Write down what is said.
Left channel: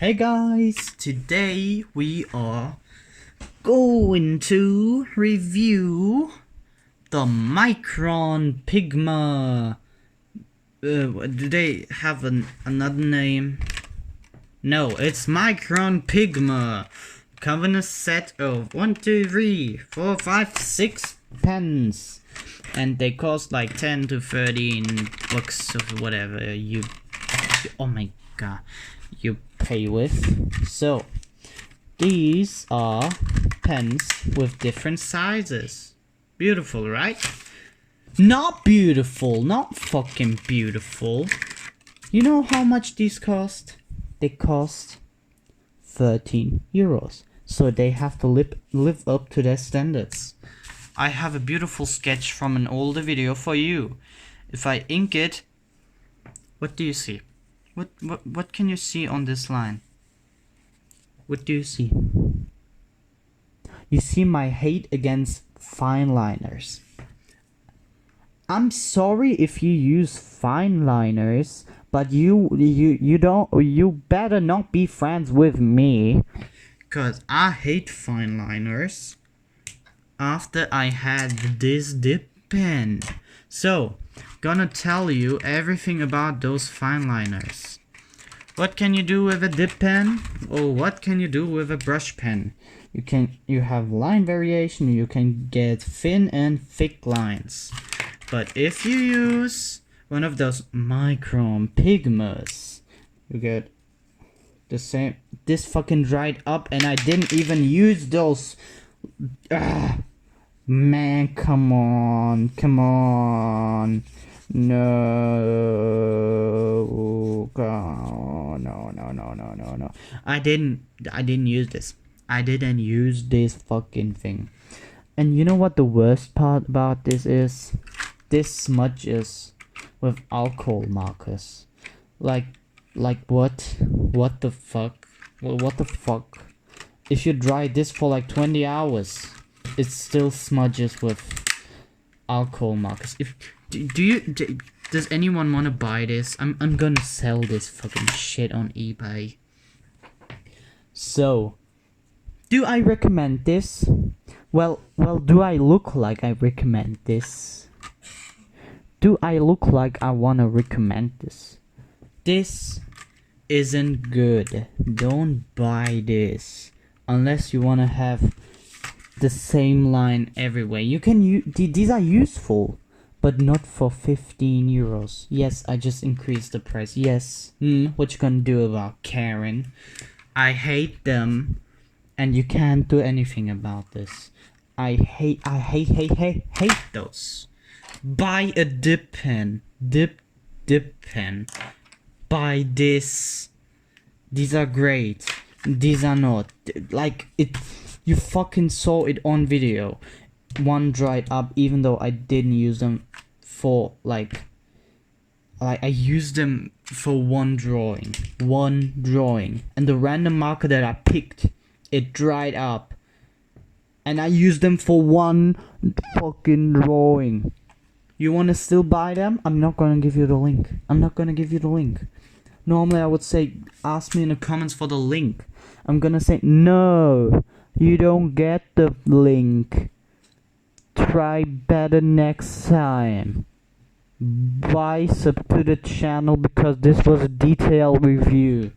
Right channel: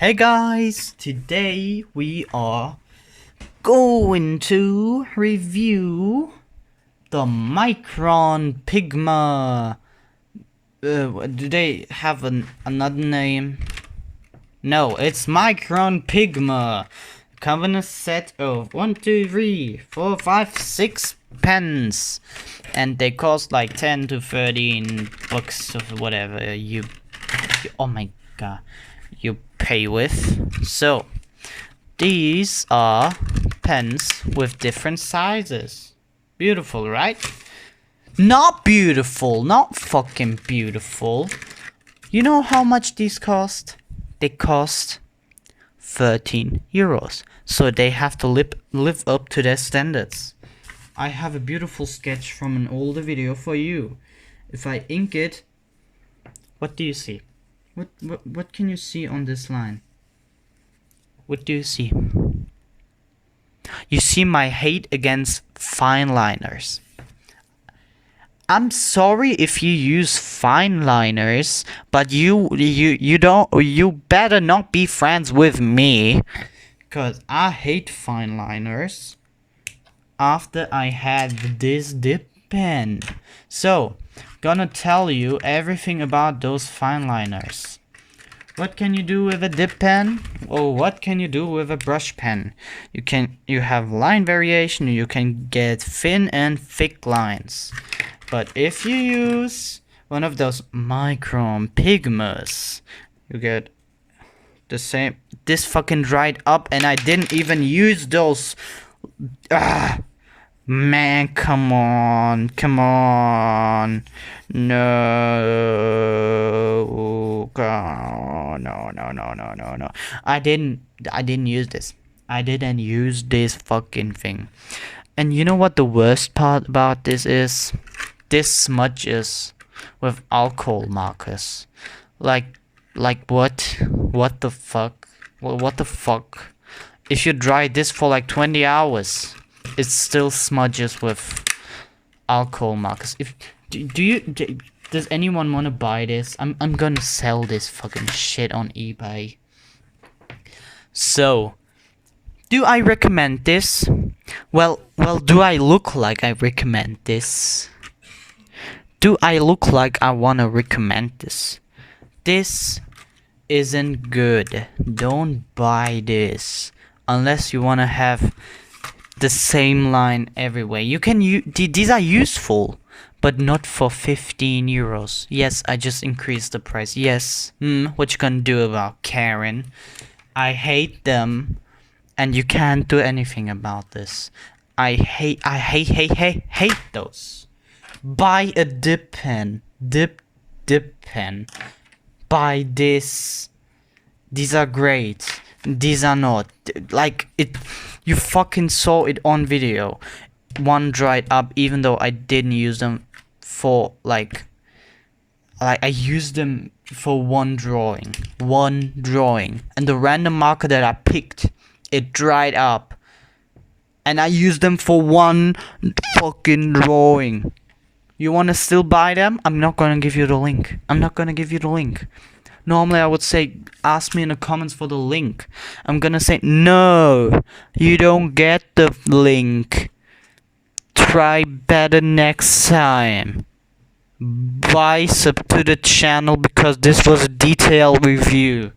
Hey guys, today we are going to review the Micron Pigma. Do they have another name? No, it's Micron Pigma. Come in a set of 1, 2, 3, 4, 5, 6 pens, and they cost like 10 to 13 bucks or whatever you. Oh my god. You pay with. So these are pens with different sizes. Beautiful, right? Not beautiful, not fucking beautiful. You know how much these cost? They cost 13 euros. So they have to live up to their standards. I have a beautiful sketch from an older video for you. If I ink it, what do you see? What can you see on this line? What do you see? You see my hate against fine liners. I'm sorry if you use fine liners, but you better not be friends with me, cause I hate fine liners. After I had this dip pen, so gonna tell you everything about those fine liners. What can you do with a dip pen? Or what can you do with a brush pen? You have line variation, you can get thin and thick lines. But if you use one of those Micron Pigmas, you get the same. This fucking dried up and I didn't even use those. Man, come on. No. God, no. I didn't use this. I didn't use this fucking thing. And you know what the worst part about this is? This smudges with alcohol markers. Like what? What the fuck? What the fuck? If you dry this for like 20 hours, it still smudges with alcohol markers. Does anyone want to buy this? I'm gonna sell this fucking shit on eBay. So, do I recommend this? Well, do I look like I recommend this? Do I look like I wanna recommend this? This isn't good. Don't buy this unless you wanna have the same line everywhere. You can these are useful, but not for 15 euros. Yes, I just increased the price. Yes. What you gonna do about Karen? I hate them, and you can't do anything about this. I hate those. Buy a dip pen. Dip pen. Buy this. These are great. These are not. Like it. You fucking saw it on video. One dried up, even though I didn't use them for like I used them for one drawing, and the random marker that I picked, it dried up, and I used them for one fucking drawing. You wanna still buy them? I'm not gonna give you the link. Normally I would say ask me in the comments for the link. I'm gonna say no, you don't get the link. Try better next time. Bye, sub to the channel because this was a detailed review.